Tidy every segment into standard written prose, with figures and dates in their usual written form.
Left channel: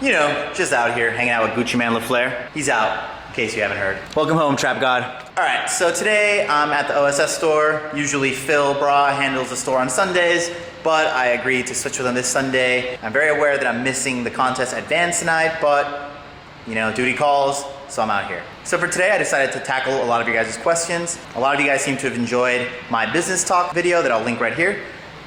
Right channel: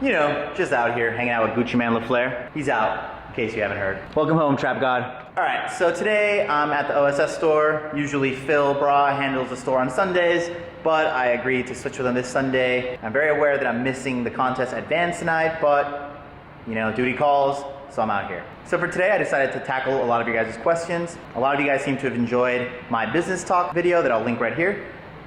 You know, just out here hanging out with Gucci Man LaFleur. He's out, in case you haven't heard. Welcome home, Trap God. All right, so today I'm at the OSS store. Usually Phil Bra handles the store on Sundays, but I agreed to switch with him this Sunday. I'm very aware that I'm missing the contest advance tonight, but you know, duty calls, so I'm out here. So for today, I decided to tackle a lot of you guys' questions. A lot of you guys seem to have enjoyed my business talk video that I'll link right here.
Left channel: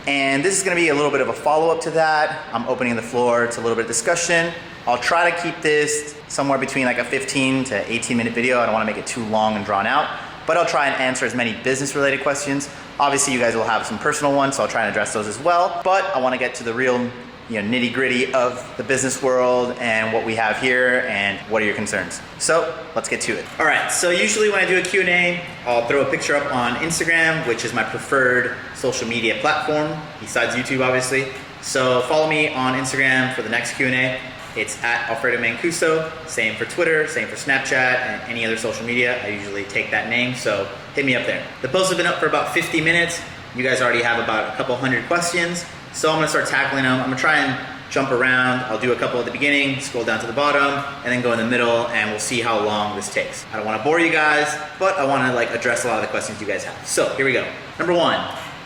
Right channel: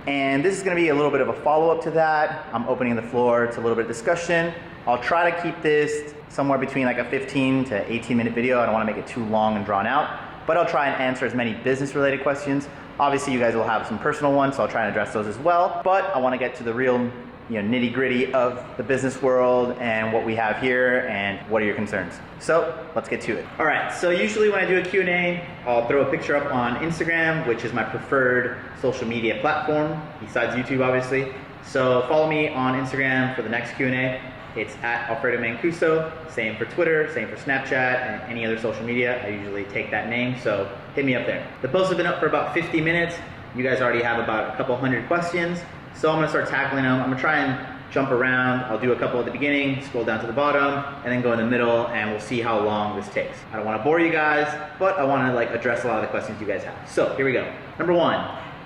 And this is gonna be a little bit of a follow-up to that. I'm opening the floor to a little bit of discussion. I'll try to keep this somewhere between like a 15 to 18 minute video. I don't wanna make it too long and drawn out, but I'll try and answer as many business related questions. Obviously you guys will have some personal ones, so I'll try and address those as well. But I wanna get to the real nitty gritty of the business world and what we have here and what are your concerns. So let's get to it. All right, so usually when I do a Q&A, I'll throw a picture up on Instagram, which is my preferred social media platform, besides YouTube obviously. So follow me on Instagram for the next Q&A. It's at Alfredo Mancuso, same for Twitter, same for Snapchat, and any other social media. I usually take that name, so hit me up there. The post has been up for about 50 minutes. You guys already have about a couple hundred questions. So I'm gonna start tackling them. I'm gonna try and jump around. I'll do a couple at the beginning, scroll down to the bottom, and then go in the middle, and we'll see how long this takes. I don't wanna bore you guys, but I wanna address a lot of the questions you guys have. So here we go. Number one,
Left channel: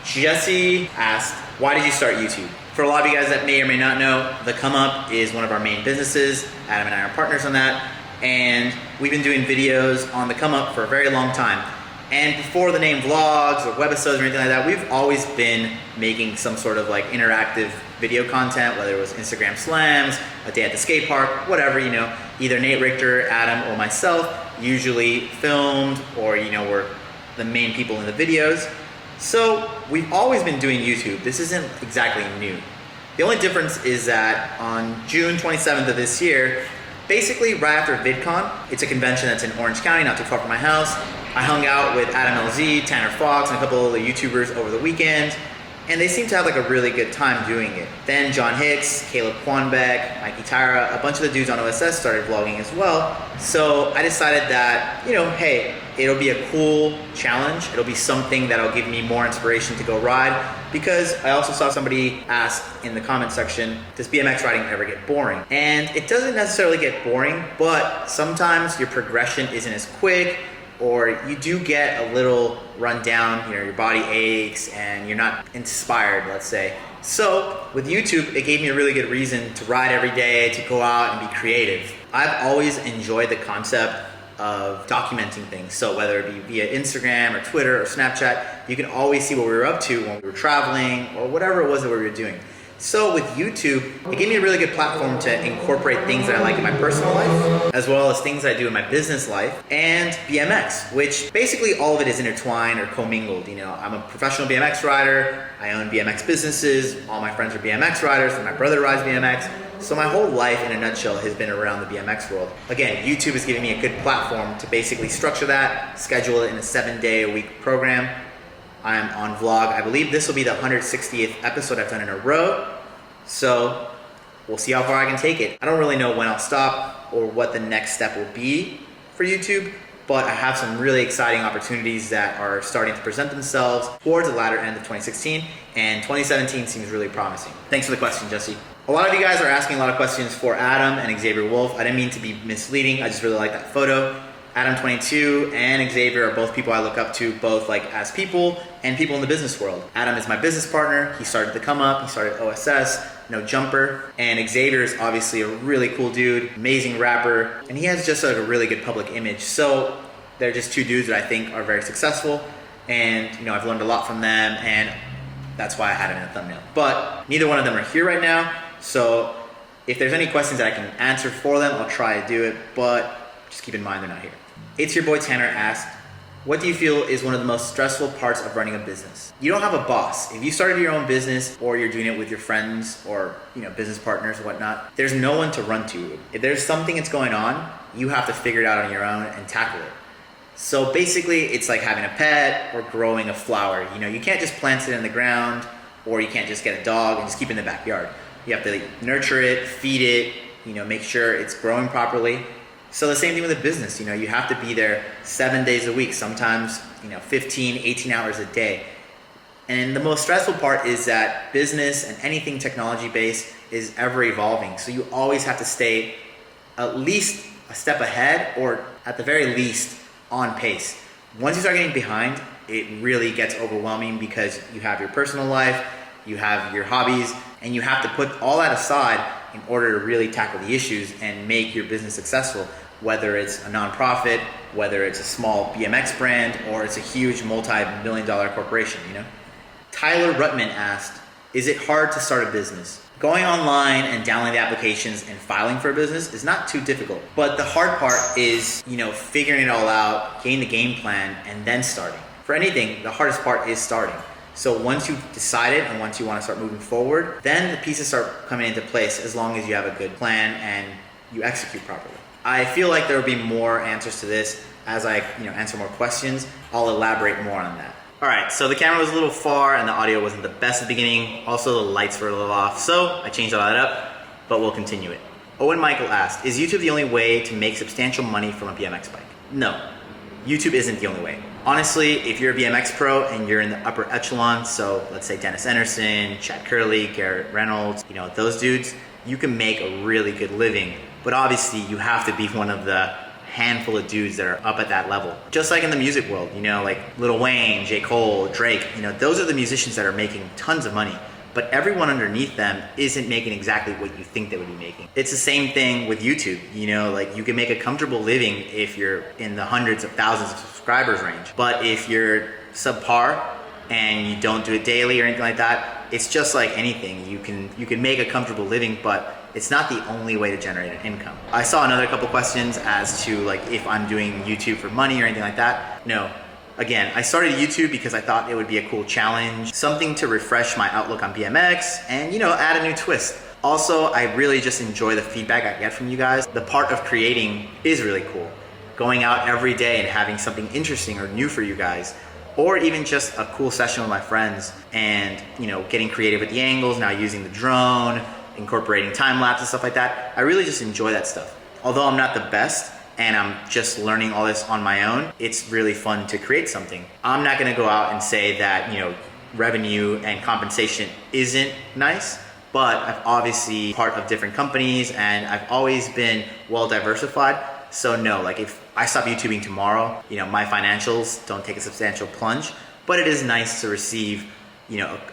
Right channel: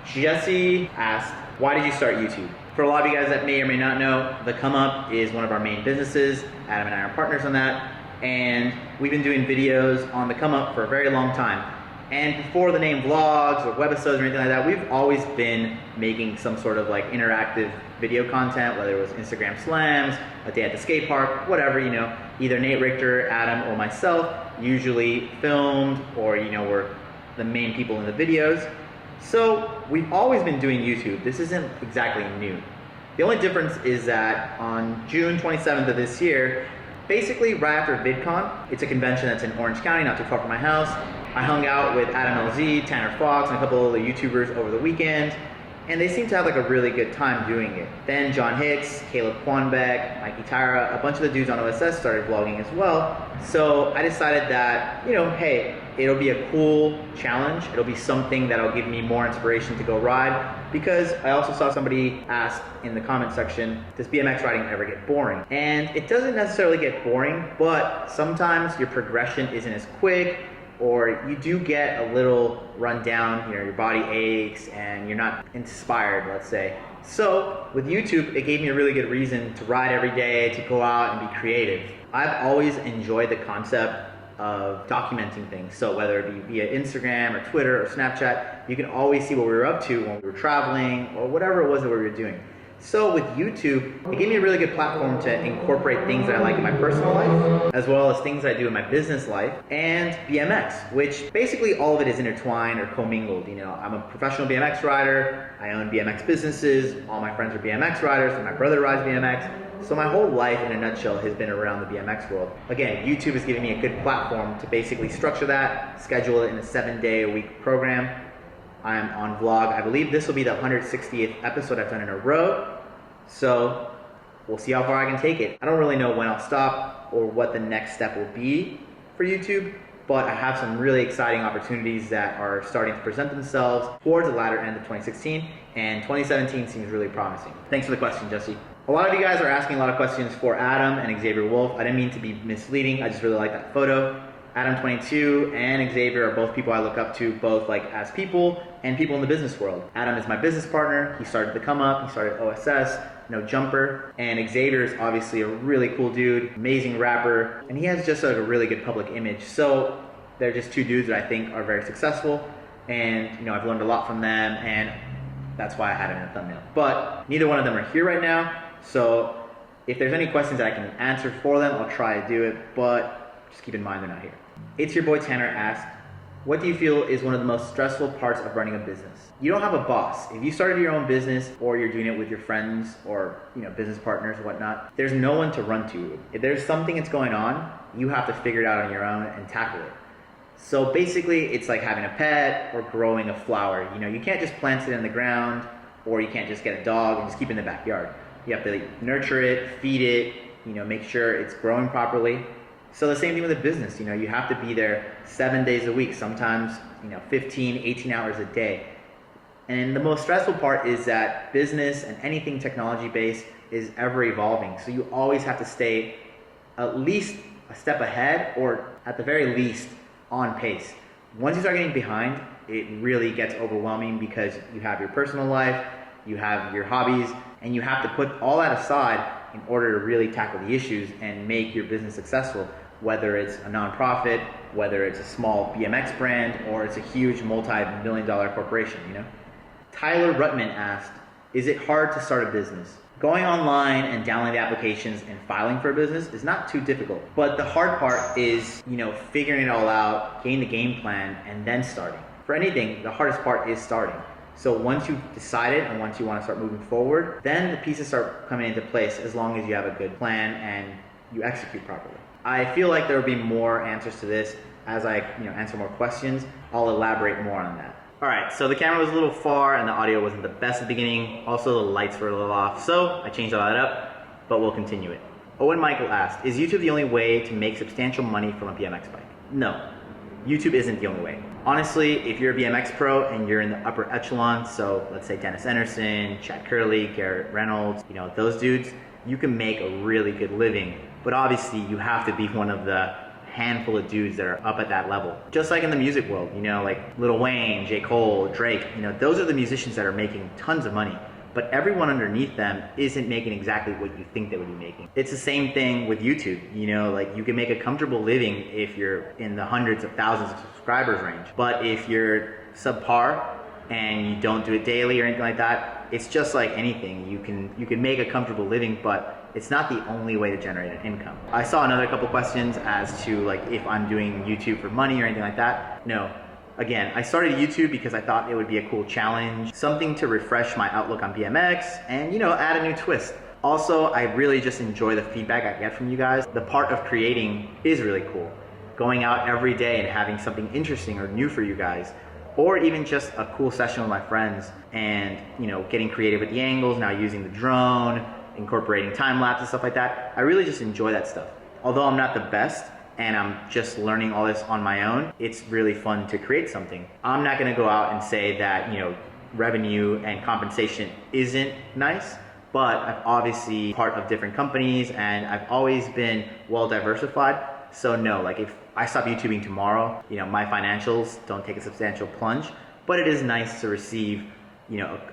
Jesse asked, why did you start YouTube? For a lot of you guys that may or may not know, The Come Up is one of our main businesses. Adam and I are partners on that. And we've been doing videos on The Come Up for a very long time. And before the name vlogs or webisodes or anything like that, we've always been making some sort of interactive video content, whether it was Instagram slams, a day at the skate park, whatever, either Nate Richter, Adam, or myself usually filmed, or we're the main people in the videos. So we've always been doing YouTube. This isn't exactly new. The only difference is that on June 27th of this year, basically right after VidCon, it's a convention that's in Orange County, not too far from my house. I hung out with Adam LZ, Tanner Fox, and a couple of the YouTubers over the weekend, and they seemed to have a really good time doing it. Then John Hicks, Caleb Quanbeck, Mikey Tyra, a bunch of the dudes on OSS started vlogging as well. So I decided that, hey, it'll be a cool challenge. It'll be something that'll give me more inspiration to go ride, because I also saw somebody ask in the comment section, does BMX riding ever get boring? And it doesn't necessarily get boring, but sometimes your progression isn't as quick, or you do get a little run down, your body aches and you're not inspired, let's say. So with YouTube, it gave me a really good reason to ride every day, to go out and be creative. I've always enjoyed the concept of documenting things. So whether it be via Instagram or Twitter or Snapchat, you can always see what we were up to when we were traveling or whatever it was that we were doing. So with YouTube, it gave me a really good platform to incorporate things that I like in my personal life, as well as things that I do in my business life, and BMX, which basically all of it is intertwined or commingled. I'm a professional BMX rider, I own BMX businesses, all my friends are BMX riders, and my brother rides BMX. So my whole life in a nutshell has been around the BMX world. Again, YouTube is giving me a good platform to basically structure that, schedule it in a 7-day-a-week program. I'm on vlog. I believe this will be the 160th episode I've done in a row. So we'll see how far I can take it. I don't really know when I'll stop or what the next step will be for YouTube, but I have some really exciting opportunities that are starting to present themselves towards the latter end of 2016, and 2017 seems really promising. Thanks for the question, Jesse. A lot of you guys are asking a lot of questions for Adam and Xavier Wulf. I didn't mean to be misleading. I just really like that photo. Adam22 and Xavier are both people I look up to, both as people and people in the business world. Adam is my business partner. He started The Come Up, he started OSS, No Jumper, and Xavier is obviously a really cool dude, amazing rapper, and he has just a really good public image. So they're just two dudes that I think are very successful, and I've learned a lot from them, and that's why I had it in the thumbnail. But neither one of them are here right now, so if there's any questions that I can answer for them, I'll try to do it, but just keep in mind they're not here. It's Your Boy Tanner asked, what do you feel is one of the most stressful parts of running a business? You don't have a boss. If you started your own business, or you're doing it with your friends or business partners or whatnot, there's no one to run to. If there's something that's going on, you have to figure it out on your own and tackle it. So basically, it's like having a pet or growing a flower. You can't just plant it in the ground, or you can't just get a dog and just keep it in the backyard. You have to nurture it, feed it, make sure it's growing properly. So the same thing with a business, you have to be there 7 days a week, sometimes 15, 18 hours a day. And the most stressful part is that business and anything technology based is ever evolving. So you always have to stay at least a step ahead, or at the very least on pace. Once you start getting behind, it really gets overwhelming because you have your personal life, you have your hobbies, and you have to put all that aside in order to really tackle the issues and make your business successful, whether it's a nonprofit, whether it's a small BMX brand, or it's a huge multi-million-dollar corporation, you know? Tyler Rutman asked, is it hard to start a business? Going online and downloading the applications and filing for a business is not too difficult. But the hard part is, figuring it all out, getting the game plan, and then starting. For anything, the hardest part is starting. So once you've decided and once you want to start moving forward, then the pieces start coming into place as long as you have a good plan and you execute properly. I feel like there will be more answers to this as I answer more questions. I'll elaborate more on that. All right, so the camera was a little far and the audio wasn't the best at the beginning. Also, the lights were a little off, so I changed all that up, but we'll continue it. Owen Michael asked, is YouTube the only way to make substantial money from a BMX bike? No, YouTube isn't the only way. Honestly, if you're a BMX pro and you're in the upper echelon, so let's say Dennis Anderson, Chad Curley, Garrett Reynolds, those dudes, you can make a really good living. But obviously, you have to be one of the handful of dudes that are up at that level. Just like in the music world, like Lil Wayne, J. Cole, Drake, those are the musicians that are making tons of money, but everyone underneath them isn't making exactly what you think they would be making. It's the same thing with YouTube, you can make a comfortable living if you're in the hundreds of thousands of subscribers range, but if you're subpar and you don't do it daily or anything like that, it's just like anything. You can make a comfortable living, but it's not the only way to generate an income. I saw another couple questions as to if I'm doing YouTube for money or anything like that. No. Again, I started YouTube because I thought it would be a cool challenge, something to refresh my outlook on BMX and, add a new twist. Also, I really just enjoy the feedback I get from you guys. The part of creating is really cool. Going out every day and having something interesting or new for you guys, or even just a cool session with my friends and, getting creative with the angles, now using the drone, incorporating time lapse and stuff like that. I really just enjoy that stuff. Although I'm not the best and I'm just learning all this on my own, it's really fun to create something. I'm not gonna go out and say that, revenue and compensation isn't nice, but I've obviously part of different companies and I've always been well diversified. So no, if I stop YouTubing tomorrow, my financials don't take a substantial plunge, but it is nice to receive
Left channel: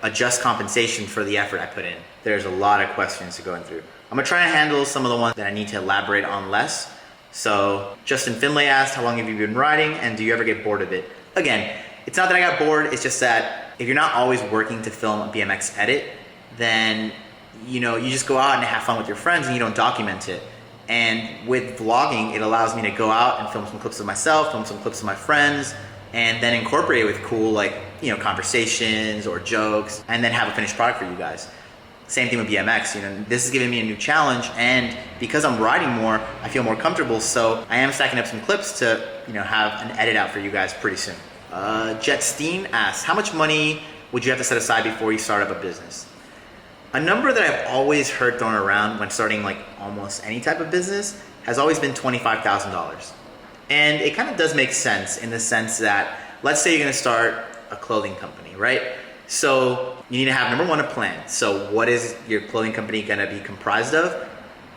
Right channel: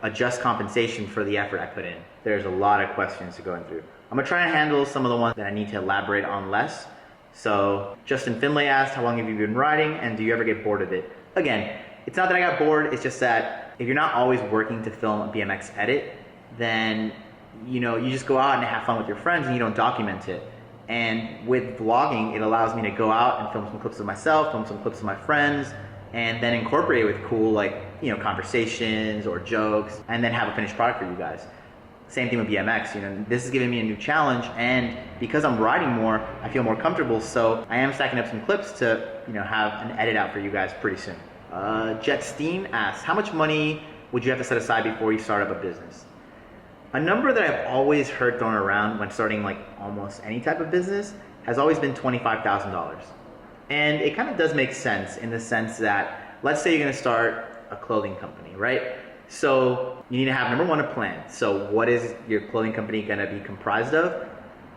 a just compensation for the effort I put in. There's a lot of questions to go through. I'm gonna try and handle some of the ones that I need to elaborate on less. So Justin Finlay asked, how long have you been riding and do you ever get bored of it? Again, it's not that I got bored, it's just that if you're not always working to film a BMX edit, then you just go out and have fun with your friends and you don't document it. And with vlogging, it allows me to go out and film some clips of myself, film some clips of my friends, and then incorporate it with cool conversations or jokes, and then have a finished product for you guys. Same thing with BMX, this is giving me a new challenge, and because I'm riding more, I feel more comfortable, so I am stacking up some clips to, have an edit out for you guys pretty soon. Jet Steen asks, how much money would you have to set aside before you start up a business? A number that I've always heard thrown around when starting almost any type of business has always been $25,000. And it kind of does make sense in the sense that, let's say you're gonna start a clothing company, right? So you need to have, number one, a plan. So what is your clothing company gonna be comprised of?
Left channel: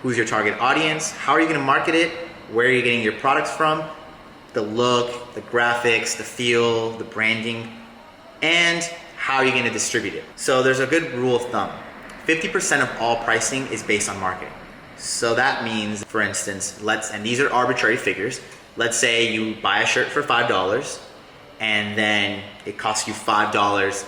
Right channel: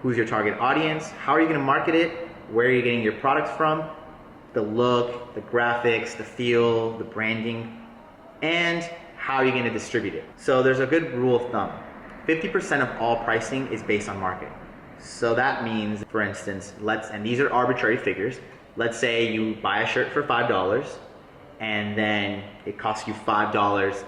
Who's your target audience? How are you gonna market it? Where are you getting your products from? The look, the graphics, the feel, the branding, and how are you gonna distribute it? So there's a good rule of thumb. 50% of all pricing is based on marketing. So that means, for instance, and these are arbitrary figures, let's say you buy a shirt for $5 and then it costs you $5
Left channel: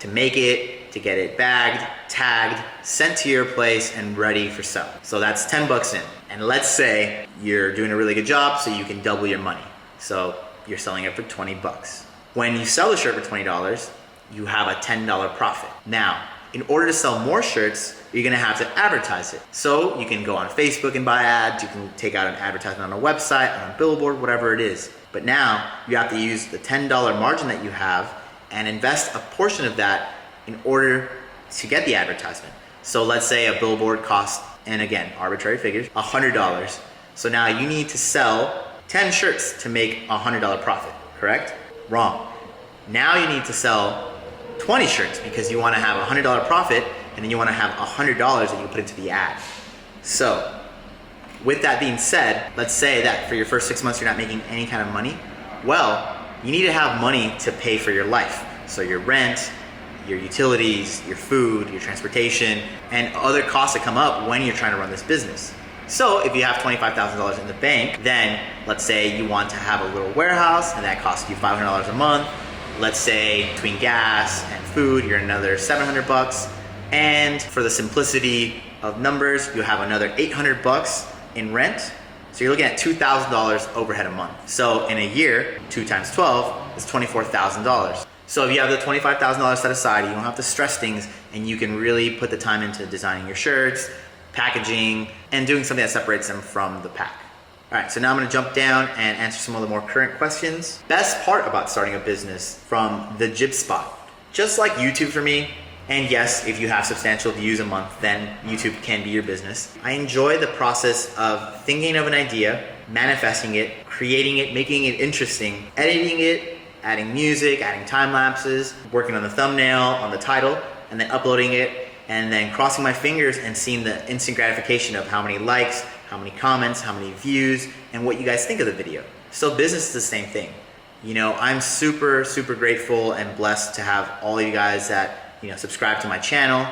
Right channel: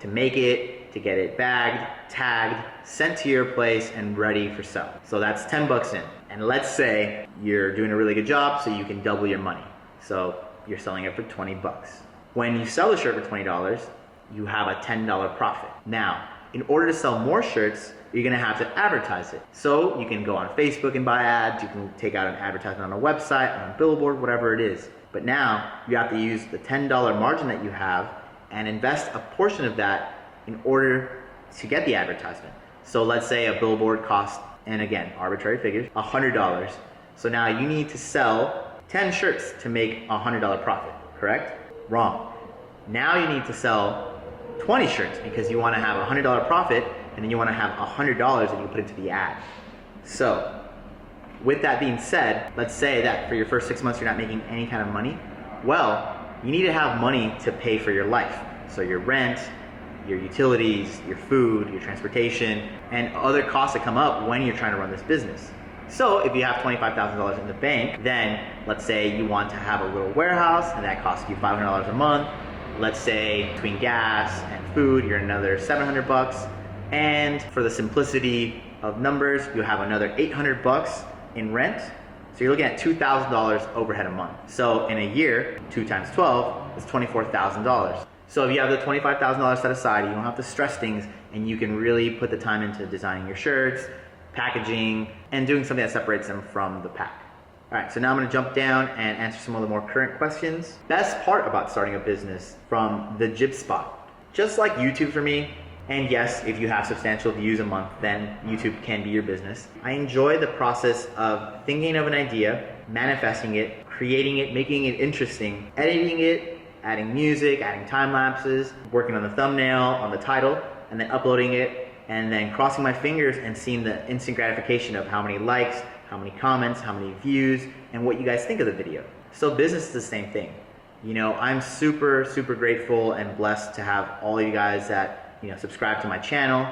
to make it, to get it bagged, tagged, sent to your place, and ready for sale. So that's 10 bucks in. And let's say you're doing a really good job so you can double your money. So you're selling it for 20 bucks. When you sell the shirt for $20, you have a $10 profit. Now, in order to sell more shirts, you're gonna have to advertise it. So you can go on Facebook and buy ads, you can take out an advertisement on a website, on a billboard, whatever it is. But now you have to use the $10 margin that you have and invest a portion of that in order to get the advertisement. So let's say a billboard costs, and again, arbitrary figures, $100. So now you need to sell 10 shirts to make a $100 profit, correct? Wrong. Now you need to sell 20 shirts because you want to have a $100 profit, and then you want to have $100 that you put into the ad. So with that being said, let's say that for your first 6 months you're not making any kind of money. Well, you need to have money to pay for your life. So your rent, your utilities, your food, your transportation, and other costs that come up when you're trying to run this business. So if you have $25,000 in the bank, then let's say you want to have a little warehouse and that costs you $500 a month. Let's say between gas and food, you're another $700. And for the simplicity of numbers, you have another $800 in rent. So you're looking at $2,000 overhead a month. So in a year, 2 times 12 is $24,000. So if you have the $25,000 set aside, you don't have to stress things, and you can really put the time into designing your shirts, packaging, and doing something that separates them from the pack. All right, so now I'm gonna jump down and answer some of the more current questions. Best part about starting a business from the Jib Spot. Just like YouTube for me, and yes, if you have substantial views a month, then YouTube can be your business. I enjoy the process of thinking of an idea, manifesting it, creating it, making it interesting, editing it, adding music, adding time lapses, working on the thumbnail, on the title, and then uploading it, and then crossing my fingers and seeing the instant gratification of how many likes, how many comments, how many views, and what you guys think of the video. So business is the same thing. You know, I'm super, super grateful and blessed to have all of you guys that, you know, subscribe to my channel,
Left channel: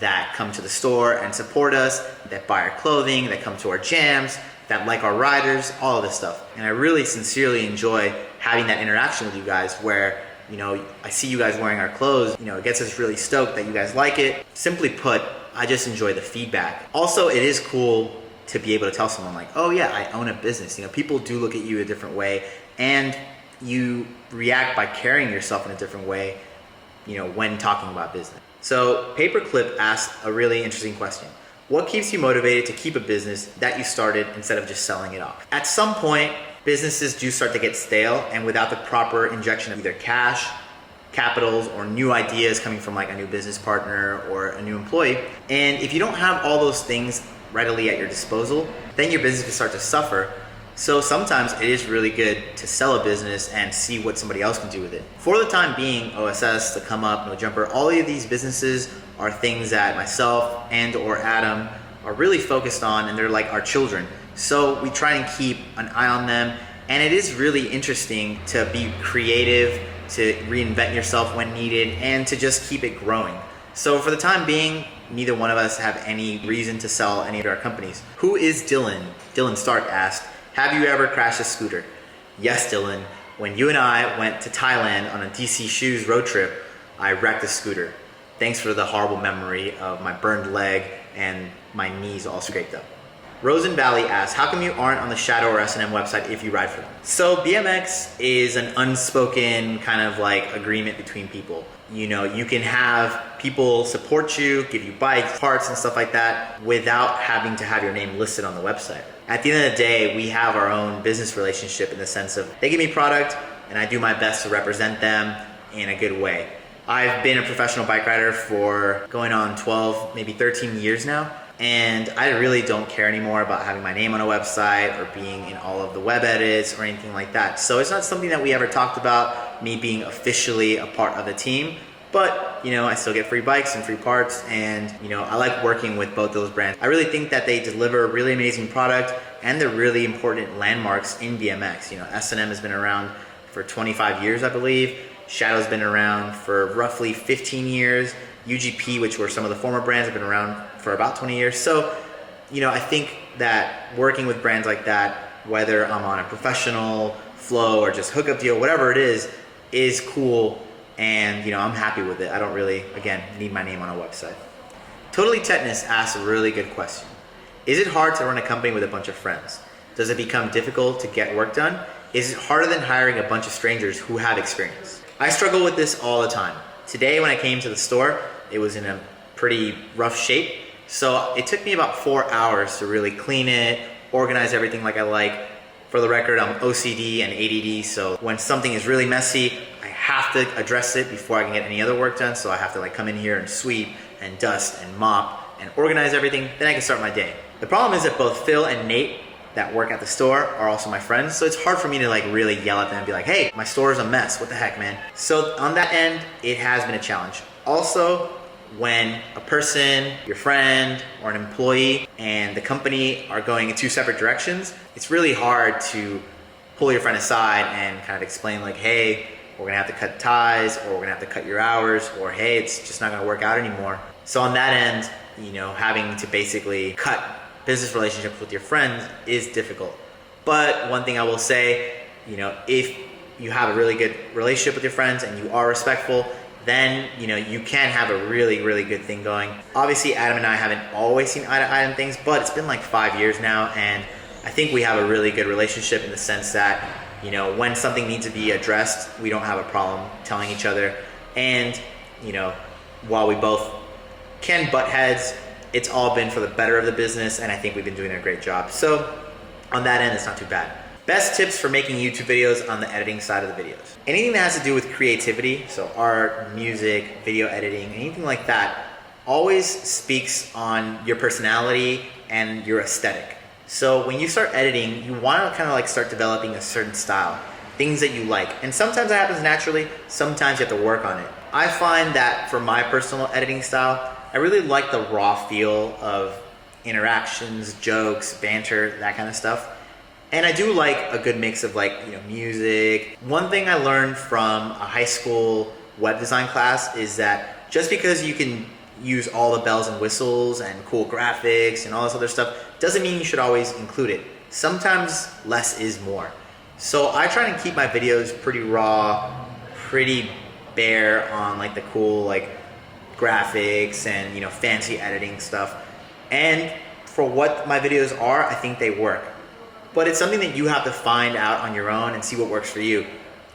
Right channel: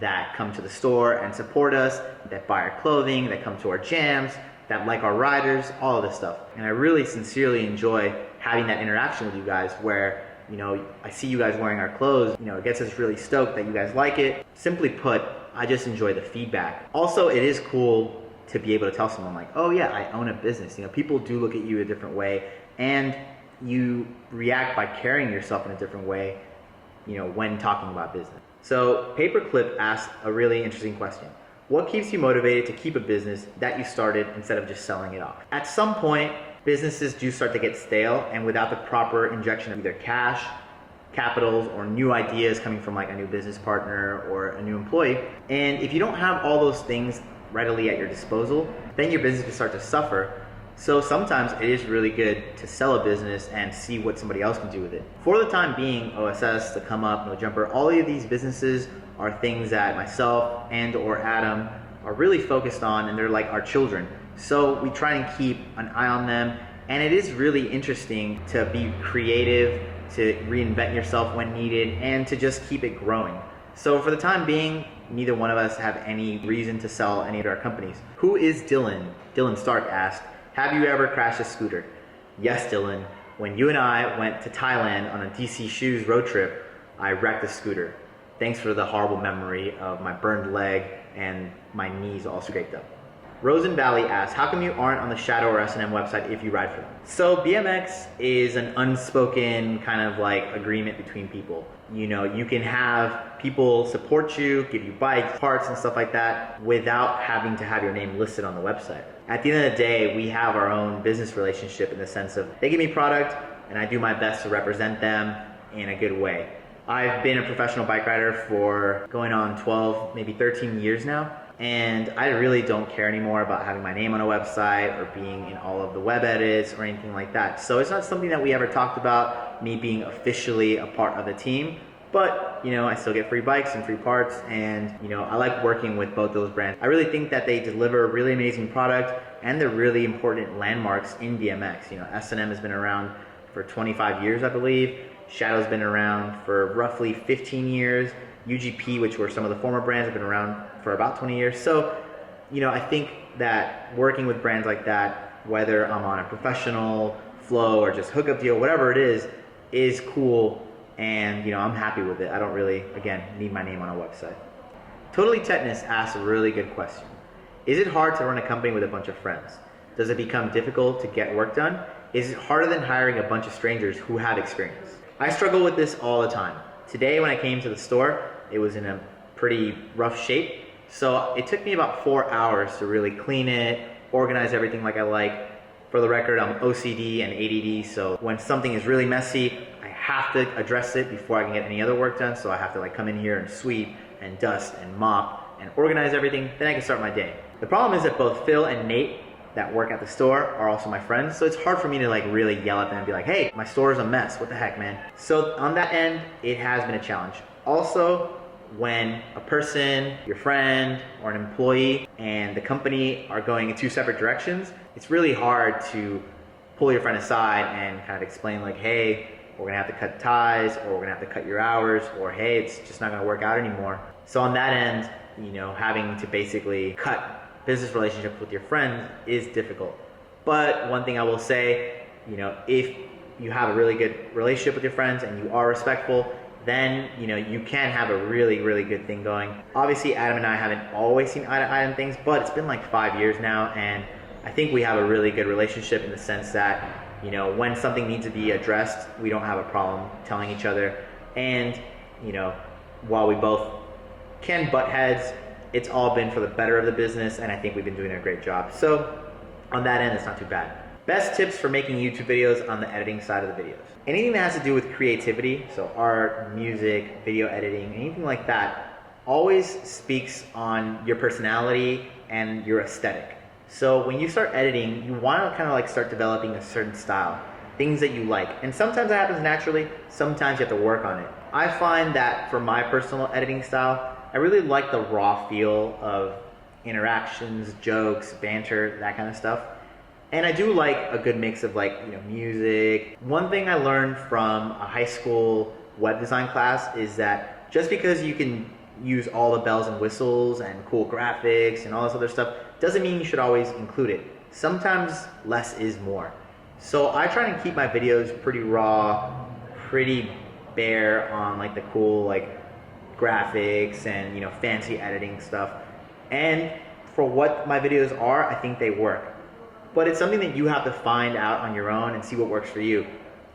that come to the store and support us, that buy our clothing, that come to our jams, that like our riders, all of this stuff. And I really sincerely enjoy having that interaction with you guys where, you know, I see you guys wearing our clothes, you know, it gets us really stoked that you guys like it. Simply put, I just enjoy the feedback. Also, it is cool to be able to tell someone like, oh yeah, I own a business. You know, people do look at you a different way, and you react by carrying yourself in a different way, you know, when talking about business. So Paperclip asked a really interesting question. What keeps you motivated to keep a business that you started instead of just selling it off? At some point, businesses do start to get stale, and without the proper injection of either cash, capitals, or new ideas coming from like a new business partner or a new employee. And if you don't have all those things readily at your disposal, then your business can start to suffer. So sometimes it is really good to sell a business and see what somebody else can do with it. For the time being, OSS, The Come Up, No Jumper, all of these businesses are things that myself and or Adam are really focused on, and they're like our children. So we try and keep an eye on them, and it is really interesting to be creative, to reinvent yourself when needed, and to just keep it growing. So for the time being, neither one of us have any reason to sell any of our companies. Who is Dylan? Dylan Stark asked, have you ever crashed a scooter? Yes, Dylan. When you and I went to Thailand on a DC Shoes road trip, I wrecked a scooter. Thanks for the horrible memory of my burned leg and my knees all scraped up. Rosen Valley asks, how come you aren't on the Shadow or S&M website if you ride for them? So BMX is an unspoken kind of like agreement between people. You know, you can have people support you, give you bikes, parts and stuff like that without having to have your name listed on the website. At the end of the day, we have our own business relationship in the sense of they give me product and I do my best to represent them in a good way. I've been a professional bike rider for going on 12, maybe 13 years now. And I really don't care anymore about having my name on a website or being in all of the web edits or anything like that. So it's not something that we ever talked about, me being officially a part of the team. But, you know, I still get free bikes and free parts, and, you know, I like working with both those brands. I really think that they deliver a really amazing product, and they're really important landmarks in BMX. You know, S&M has been around for 25 years, I believe. Shadow's been around for roughly 15 years. UGP, which were some of the former brands, have been around for about 20 years. So, you know, I think that working with brands like that, whether I'm on a professional flow or just hookup deal, whatever it is cool. And, you know, I'm happy with it. I don't really, again, need my name on a website. Totally Tetanus asks a really good question. Is it hard to run a company with a bunch of friends? Does it become difficult to get work done? Is it harder than hiring a bunch of strangers who have experience? I struggle with this all the time. Today when I came to the store, it was in a pretty rough shape. So it took me about 4 hours to really clean it, organize everything like I like. For the record, I'm OCD and ADD, so when something is really messy, I have to address it before I can get any other work done. So I have to like come in here and sweep and dust and mop and organize everything, then I can start my day. The problem is that both Phil and Nate that work at the store are also my friends. So it's hard for me to like really yell at them and be like, hey, my store is a mess. What the heck, man? So on that end, it has been a challenge. Also, when a person, your friend, or an employee and the company are going in two separate directions, it's really hard to pull your friend aside and kind of explain like, hey, we're gonna have to cut ties, or we're gonna have to cut your hours, or hey, it's just not gonna work out anymore. So on that end, having to basically cut business relationships with your friends is difficult. But one thing I will say, if you have a really good relationship with your friends and you are respectful, then you can have a really, really good thing going. Obviously, Adam and I haven't always seen eye to eye on things, but it's been like 5 years now, and I think we have a really good relationship in the sense that when something needs to be addressed, we don't have a problem telling each other. And while we both can butt heads, it's all been for the better of the business, and I think we've been doing a great job. So on that end, it's not too bad. Best tips for making YouTube videos on the editing side of the videos. Anything that has to do with creativity, so art, music, video editing, anything like that, always speaks on your personality and your aesthetic. So when you start editing, you want to kind of like start developing a certain style, things that you like. And sometimes that happens naturally, sometimes you have to work on it. I find that for my personal editing style, I really like the raw feel of interactions, jokes, banter, that kind of stuff. And I do like a good mix of music. One thing I learned from a high school web design class is that just because you can use all the bells and whistles and cool graphics and all this other stuff doesn't mean you should always include it. Sometimes less is more. So I try to keep my videos pretty raw, pretty bare on the cool graphics and fancy editing stuff. And for what my videos are, I think they work. But it's something that you have to find out on your own and see what works for you.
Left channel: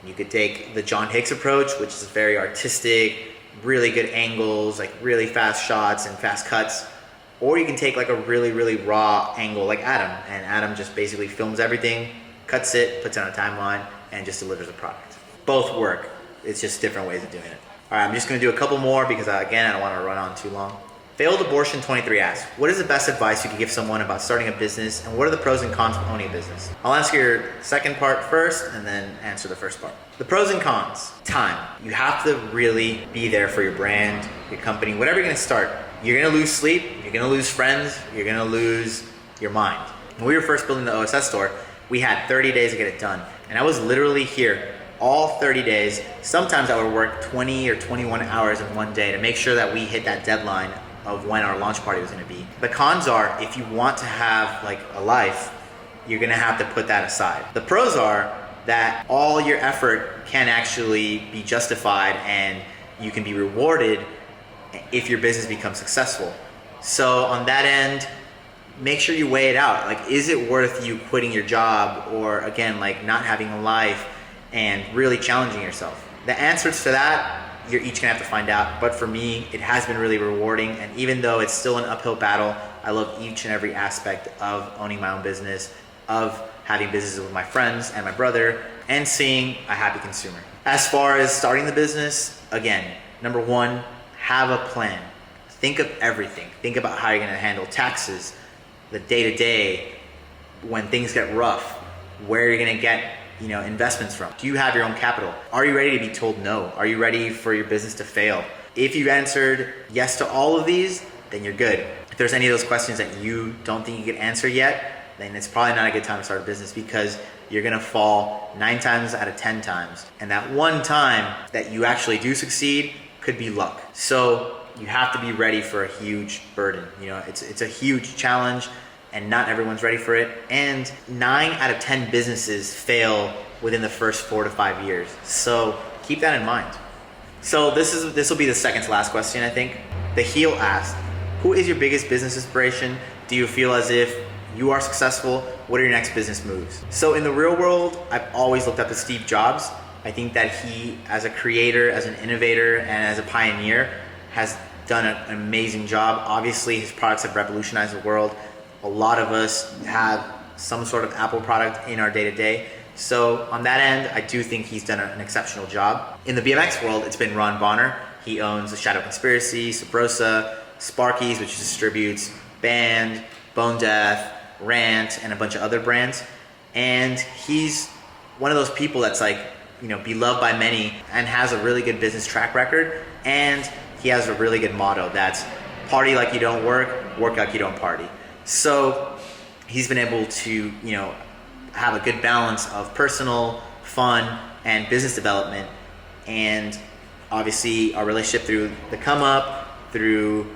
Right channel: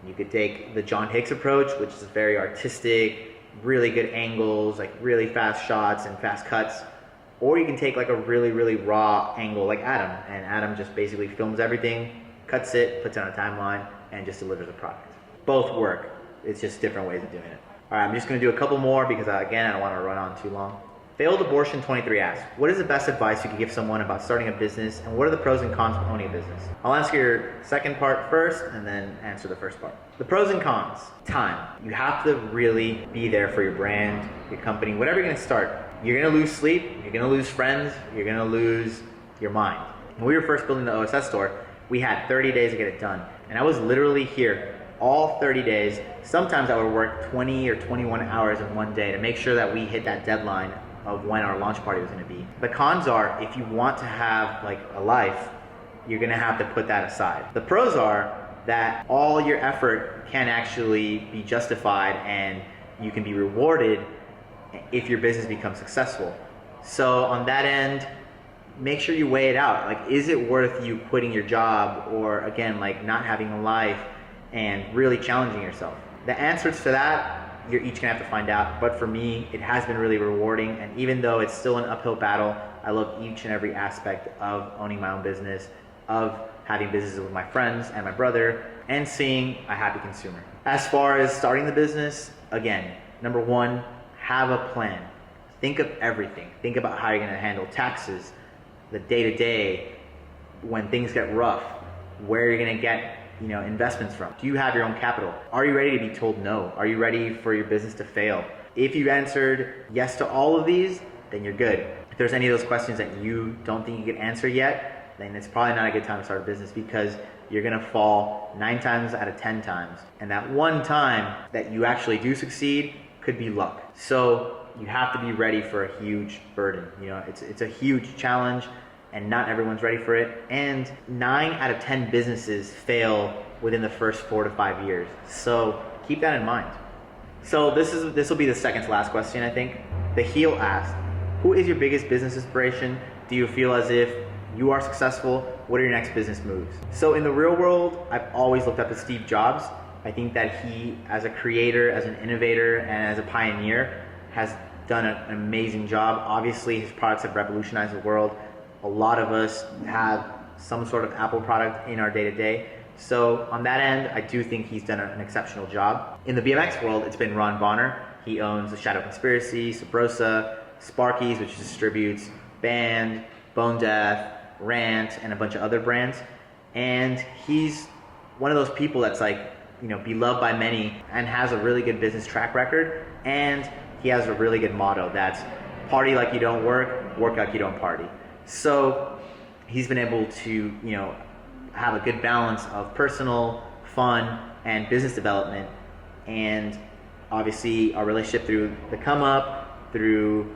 You could take the John Hicks approach, which is very artistic, really good angles, really fast shots and fast cuts. Or you can take a really, really raw angle like Adam. And Adam just basically films everything, cuts it, puts it on a timeline, and just delivers a product. Both work. It's just different ways of doing it. All right, I'm just gonna do a couple more because again, I don't wanna run on too long. Failed Abortion 23 asks, what is the best advice you could give someone about starting a business, and what are the pros and cons of owning a business? I'll answer your second part first and then answer the first part. The pros and cons. Time. You have to really be there for your brand, your company, whatever you're gonna start. You're gonna lose sleep, you're gonna lose friends, you're gonna lose your mind. When we were first building the OSS store, we had 30 days to get it done. And I was literally here all 30 days. Sometimes I would work 20 or 21 hours in one day to make sure that we hit that deadline of when our launch party was gonna be. The cons are, if you want to have a life, you're gonna have to put that aside. The pros are that all your effort can actually be justified and you can be rewarded if your business becomes successful. So on that end, make sure you weigh it out. Is it worth you quitting your job, or again, not having a life and really challenging yourself? The answers to that, you're each gonna have to find out. But for me, it has been really rewarding. And even though it's still an uphill battle, I love each and every aspect of owning my own business, of having businesses with my friends and my brother, and seeing a happy consumer. As far as starting the business, again, number one, have a plan. Think of everything. Think about how you're gonna handle taxes, the day-to-day, when things get rough, where you're gonna get investments from. Do you have your own capital? Are you ready to be told no? Are you ready for your business to fail? If you've answered yes to all of these, then you're good. If there's any of those questions that you don't think you can answer yet, then it's probably not a good time to start a business, because you're gonna fall 9 times out of 10 times. And that one time that you actually do succeed could be luck. So you have to be ready for a huge burden. It's a huge challenge, and not everyone's ready for it. And 9 out of 10 businesses fail within the first 4 to 5 years. So keep that in mind. So this will be the second to last question, I think. The heel asked, who is your biggest business inspiration? Do you feel as if you are successful? What are your next business moves? So in the real world, I've always looked up to Steve Jobs. I think that he, as a creator, as an innovator, and as a pioneer, has done an amazing job. Obviously, his products have revolutionized the world. A lot of us have some sort of Apple product in our day-to-day. So on that end, I do think he's done an exceptional job. In the BMX world, it's been Ron Bonner. He owns the Shadow Conspiracy, Subrosa, Sparkys, which distributes Band, Bone Death, Rant, and a bunch of other brands. And he's one of those people that's like, you know, beloved by many and has a really good business track record. And he has a really good motto that's party like you don't work, work like you don't party. So he's been able to, you know, have a good balance of personal, fun, and business development. And obviously our relationship through the come up, through,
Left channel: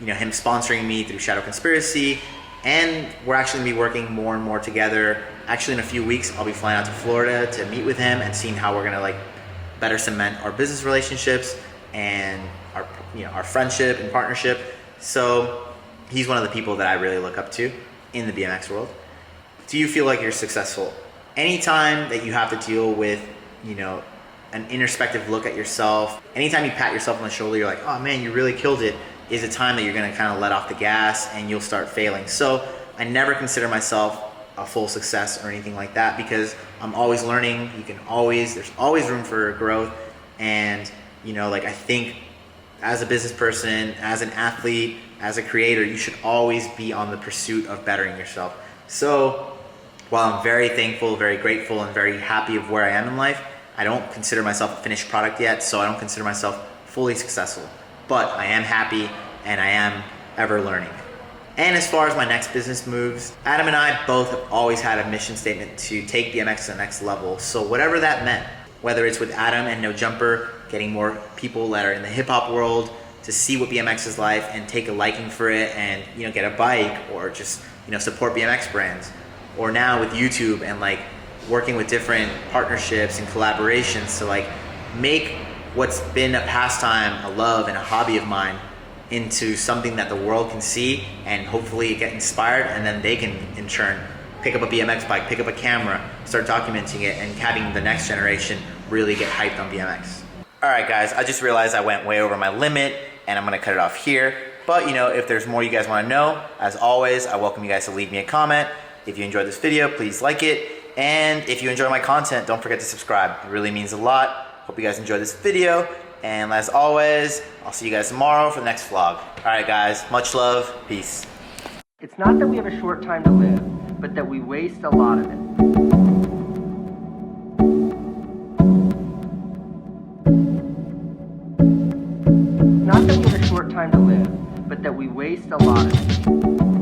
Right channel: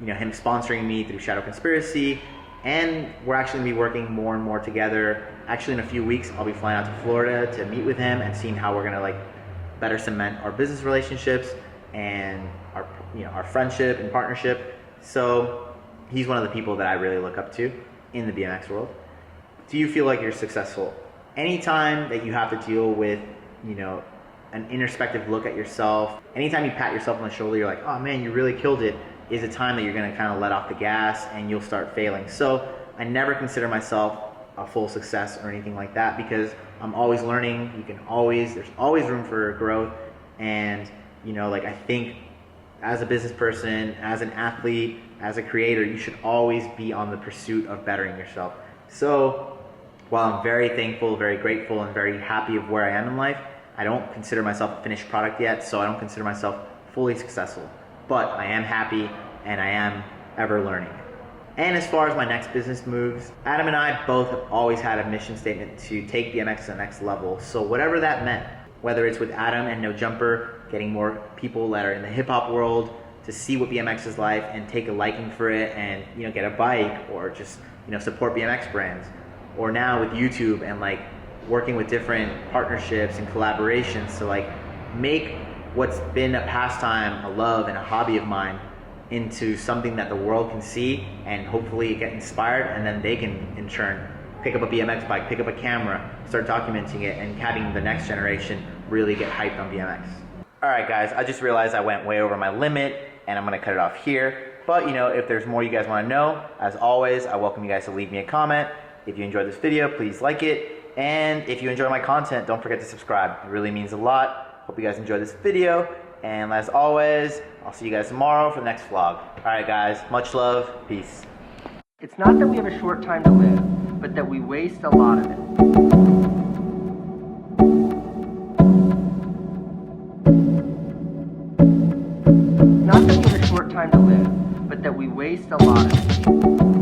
you know, him sponsoring me through Shadow Conspiracy, and we're actually gonna be working more and more together. Actually, in a few weeks, I'll be flying out to Florida to meet with him and seeing how we're gonna like better cement our business relationships and our, you know, our friendship and partnership. So he's one of the people that I really look up to in the BMX world. Do you feel like you're successful? Anytime that you have to deal with, you know, an introspective look at yourself, anytime you pat yourself on the shoulder, you're like, oh man, you really killed it, is a time that you're gonna kind of let off the gas and you'll start failing. So I never consider myself a full success or anything like that, because I'm always learning. There's always room for growth. And, you know, like I think as a business person, as an athlete, as a creator, you should always be on the pursuit of bettering yourself. So while I'm very thankful, very grateful, and very happy of where I am in life, I don't consider myself a finished product yet, so I don't consider myself fully successful. But I am happy and I am ever learning. And as far as my next business moves, Adam and I both have always had a mission statement to take BMX to the next level. So whatever that meant, whether it's with Adam and No Jumper, getting more people that are in the hip hop world to see what BMX is like and take a liking for it and, you know, get a bike or just, you know, support BMX brands. Or now with YouTube and like working with different partnerships and collaborations to like make what's been a pastime, a love, and a hobby of mine into something that the world can see and hopefully get inspired, and then they can in turn pick up a BMX bike, pick up a camera, start documenting it, and having the next generation really get hyped on BMX. All right, guys, I just realized I went way over my limit and I'm gonna cut it off here. But, you know, if there's more you guys wanna know, as always, I welcome you guys to leave me a comment. If you enjoyed this video, please like it. And if you enjoy my content, don't forget to subscribe. It really means a lot. Hope you guys enjoyed this video. And as always, I'll see you guys tomorrow for the next vlog. All right, guys, much love. Peace. It's not that we have a short time to live, but that we waste a lot of it. Not that we have a short time to live, but that we waste a lot of it.